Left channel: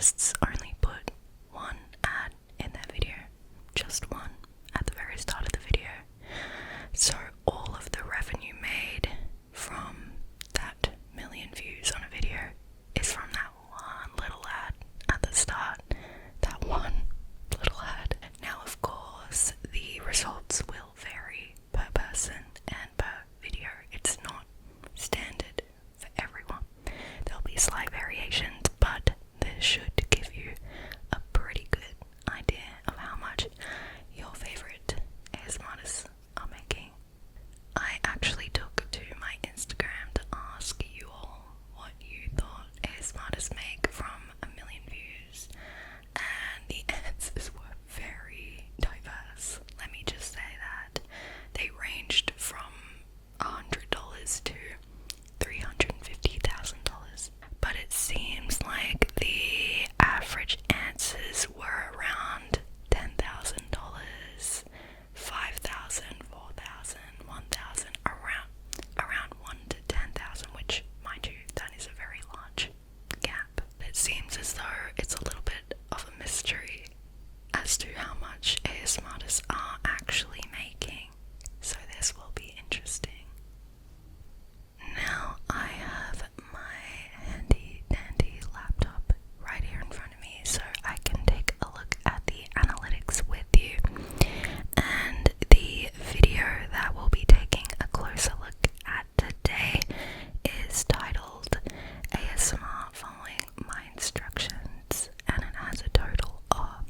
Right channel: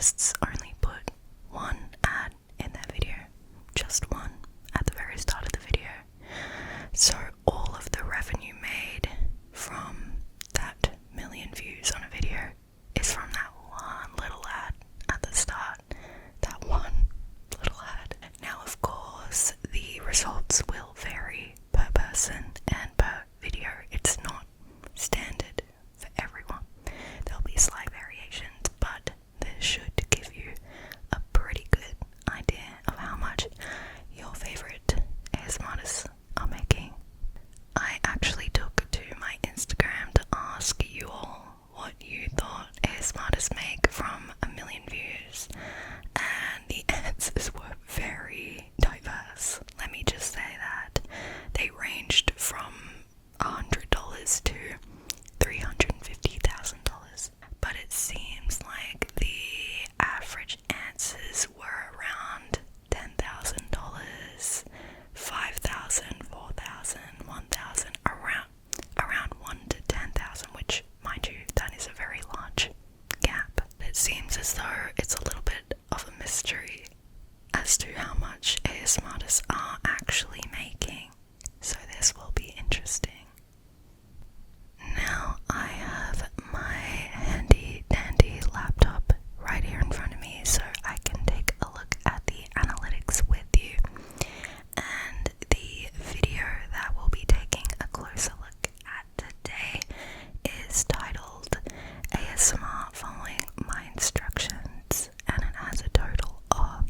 ASMRtists only put one ad in their video, just one, at the very start of the video. So all of the revenue made from that million views on a video is from that one little ad at the start. That one little ad. Now, of course, the results will vary per person and per video. It's not standard for everyone. There'll be slight variations, but this should give you a pretty good idea of how much your favorite ASMRtists are making. I actually took to my Instagram to ask you all what you thought ASMRtists make from a million views, and the answers were very diverse. Let me just say that they ranged from $100 to $350,000, but it seems like the average answers were around $10,000, $5,000, $4,000, $1,000, around 1 to 10,000, which, mind you, that is a very large gap. It seems as though it's a little bit of a mystery as to how much ASMRtists are actually making, so this will be interesting. Now I have my handy dandy laptop right here in front of me so I can take a look at the analytics with you, and the video that we'll be taking a closer look at today is titled ASMR Following My Instructions, and it has a total of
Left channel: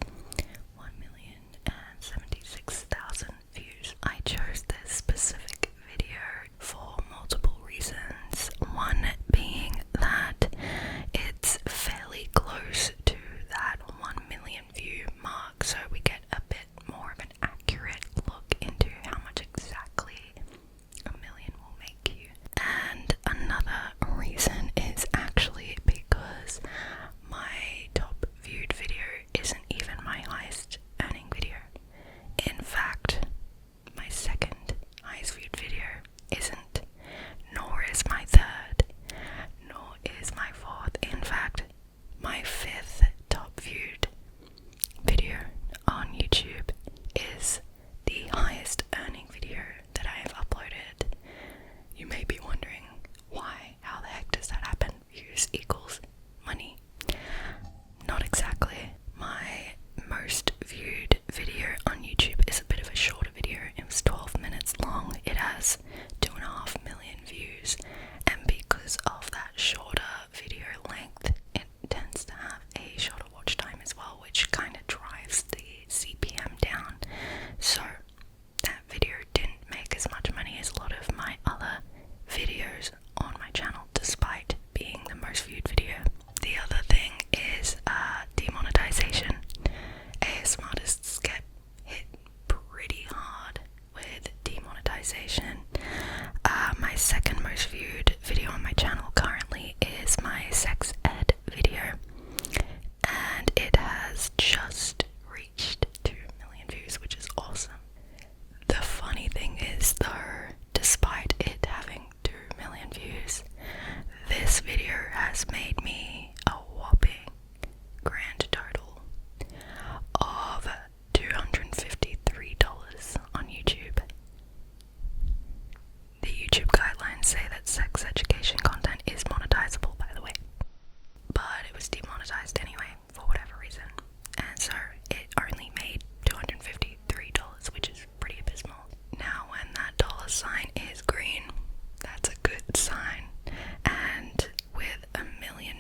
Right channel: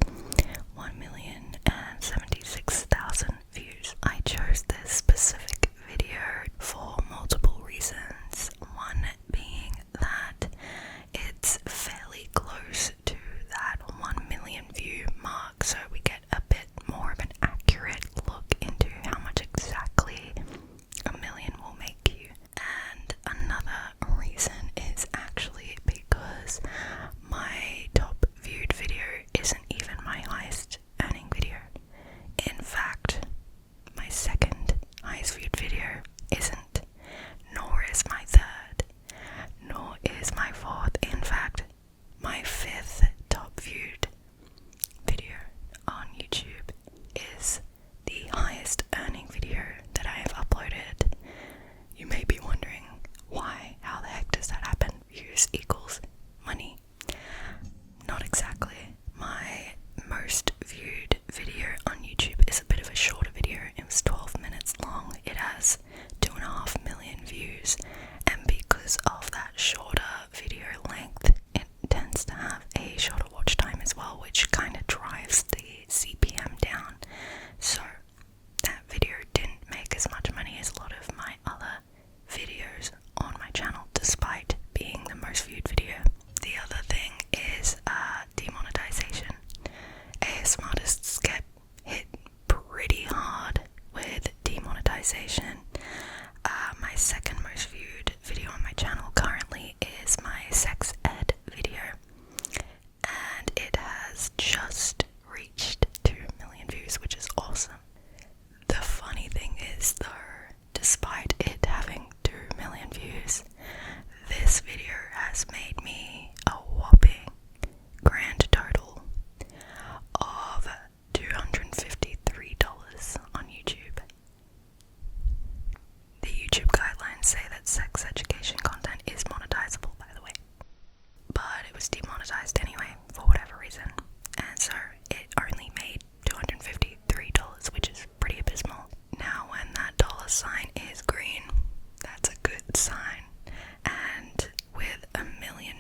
1,076,000 views. I chose this specific video for multiple reasons. One being that it's fairly close to that 1 million view mark, so we get a bit more of an accurate look into how much exactly a million will make you. And another reason is actually because my top viewed video isn't even my highest earning video. In fact, my second highest viewed video isn't, nor is my third, nor is my fourth. In fact, my fifth top viewed video on YouTube is the highest earning video that I have uploaded. You may be wondering why, how the heck does that happen? Views equals money. Not exactly. My most viewed video on YouTube is a bit of a shorter video. It was 12 minutes long. It has 2.5 million views, and because of that shorter video length, it tends to have a shorter watch time as well, which kind of drives the CPM down. So that video didn't make as much money as a lot of my other videos on my channel, despite being the most viewed video. The other thing is demonetization. ASMRtists get hit pretty hard with demonetization. My second most viewed video on my channel currently is my sex ed video, and it has just reached 2 million views, which is awesome. The funny thing is though, despite it having 2 million views, this video has made me a whopping grand total of $253 on YouTube. The YouTube guidelines say that sex education content is monetizable, by the way, but it was demonetized anyway for whatever reason, and so it only made $253, which is pretty abysmal. Now when that dollar sign is green, that's a good sign, and with 1 million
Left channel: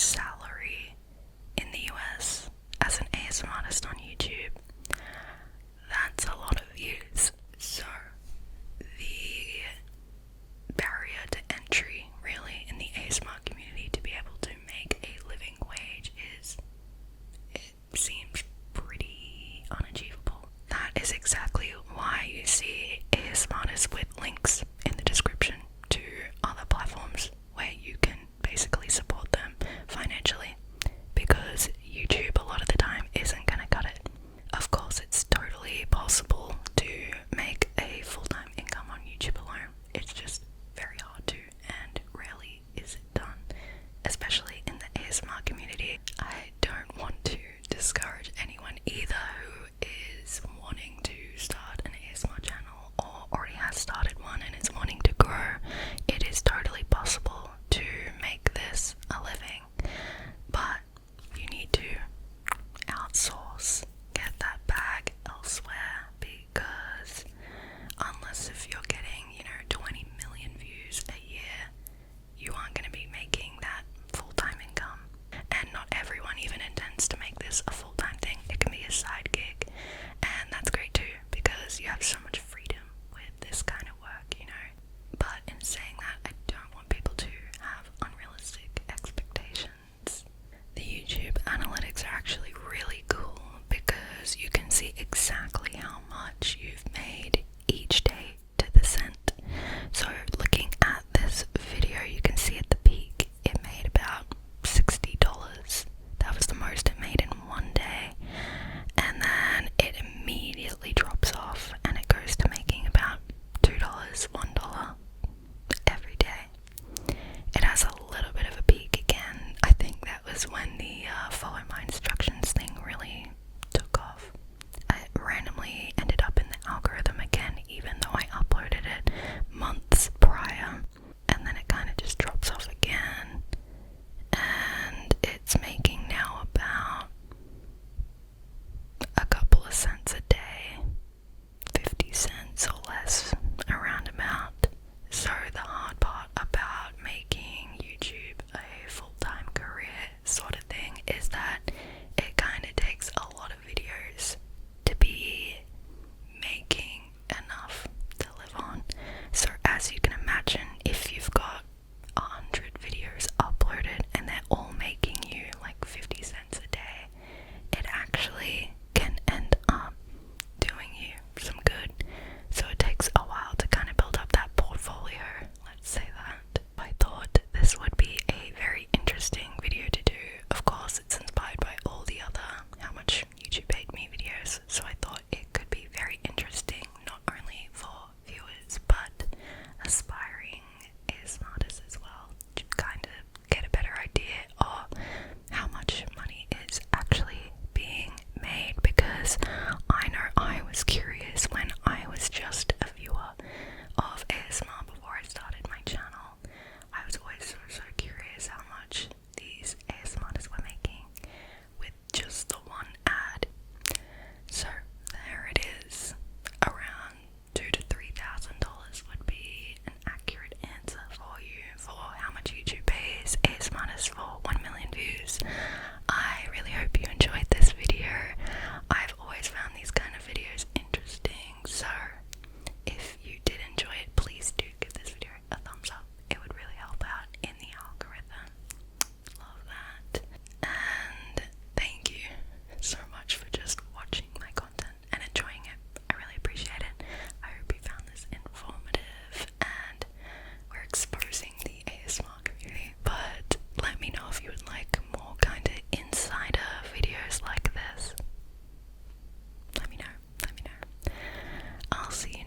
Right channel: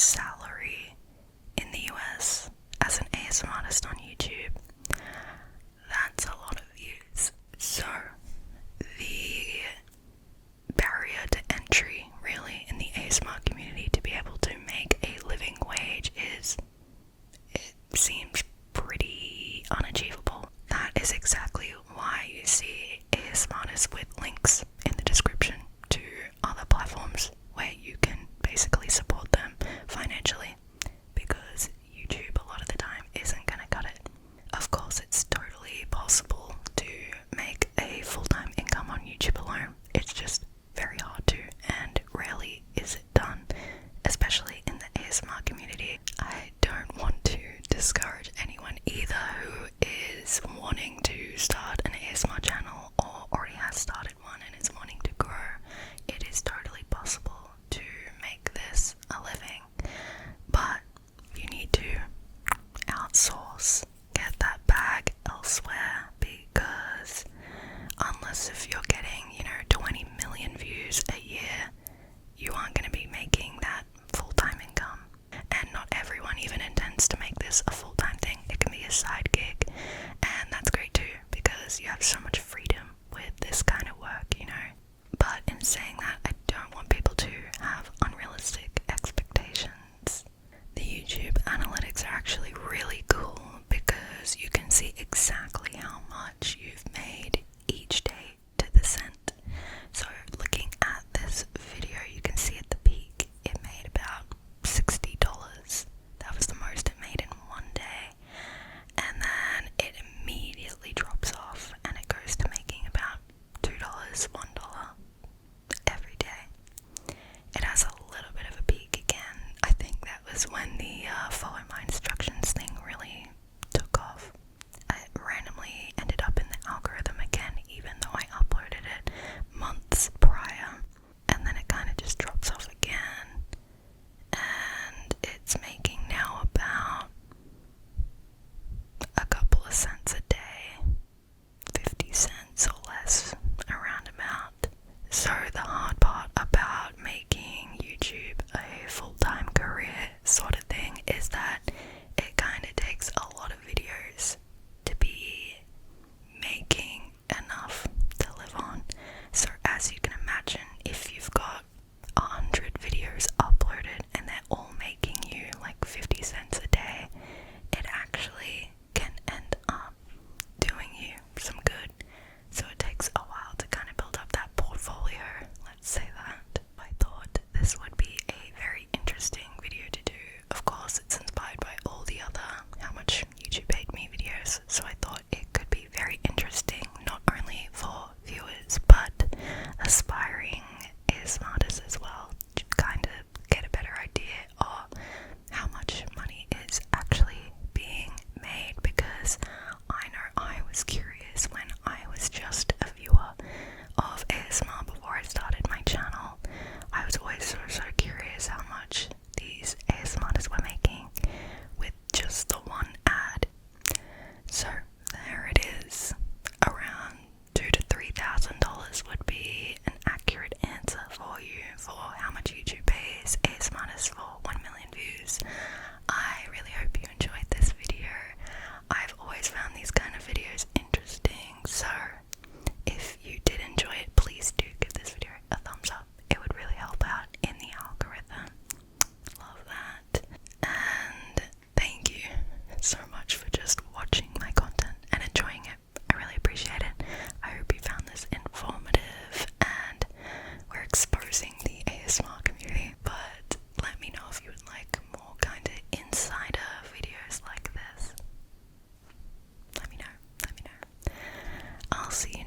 salary in the US as an ASMR artist on YouTube. That's a lot of views. So the barrier to entry really in the ASMR community to be able to make a living wage it seems pretty unachievable. That is exactly why you see ASMR artists with links in the description to other platforms where you can basically support them financially, because YouTube a lot of the time isn't gonna cut it. Of course, it's totally possible to make a full-time income on YouTube alone. It's just very hard to, and rarely is it done, especially in the ASMR community. I don't want to discourage anyone either who is wanting to start an ASMR channel or already has started one and is wanting to grow. It is totally possible to make this a living, but you need to outsource, get that bag elsewhere, because unless if you're getting, 20 million views a year, you aren't going to be making that full-time income. And not everyone even intends to make this a full-time thing. It can be a side gig, and that's great too, because you have so much freedom with this kind of work, But in saying that, I don't want people to have unrealistic expectations. The YouTube analytics are actually really cool because you can see exactly how much you've made each day to the cent. So looking at this video, you can see at the peak it made about $60. That was the most it made in one day, and then it immediately drops off and it goes to making about $2, $1 every day. It has a little bit of a peak again. I think that was when the follow my instructions thing really took off. It randomly ended up in the algorithm again, even though I uploaded it months prior, and then it kind of just drops off again, and it's making now about a couple of cents a day, 50 cents or less, around about. So the hard part about making YouTube a full-time career sort of thing is that it kind of takes a lot of videos to be making enough to live on. So as you can imagine, if you've got 100 videos uploaded and they're all making you like 50 cents a day, it actually can end up doing you some good. So it takes a while to kind of build up that portfolio, let's say that. I thought this would be a very interesting video to do. Of course, it's inspired by all the other how much YouTube paid me videos, so I thought it could be very interesting, not only for viewers, but aspiring ASMR artists as well, to kind of get a better idea of how much money is actually being made, because I know I was curious when I was just a viewer of ASMR before I started my channel. I was always so curious how much these ASMR artists were making with just the one ad. So there it is. Around $2,000 to $3,000 would be an accurate answer for you for how much YouTube pays ASMR artists for 1 million views. I really hope you enjoyed this video. I've always found these kind of videos interesting, so if you did enjoy it, please do give this video a thumbs up. It would really help out in the algorithm. Love that. And thank you so much for just watching my content and enjoying it. I really appreciate it. I hope you found this informative and we're exposing the ASMR community, but let me know if you would like more kind of insider videos like this. Let me know. I'll see you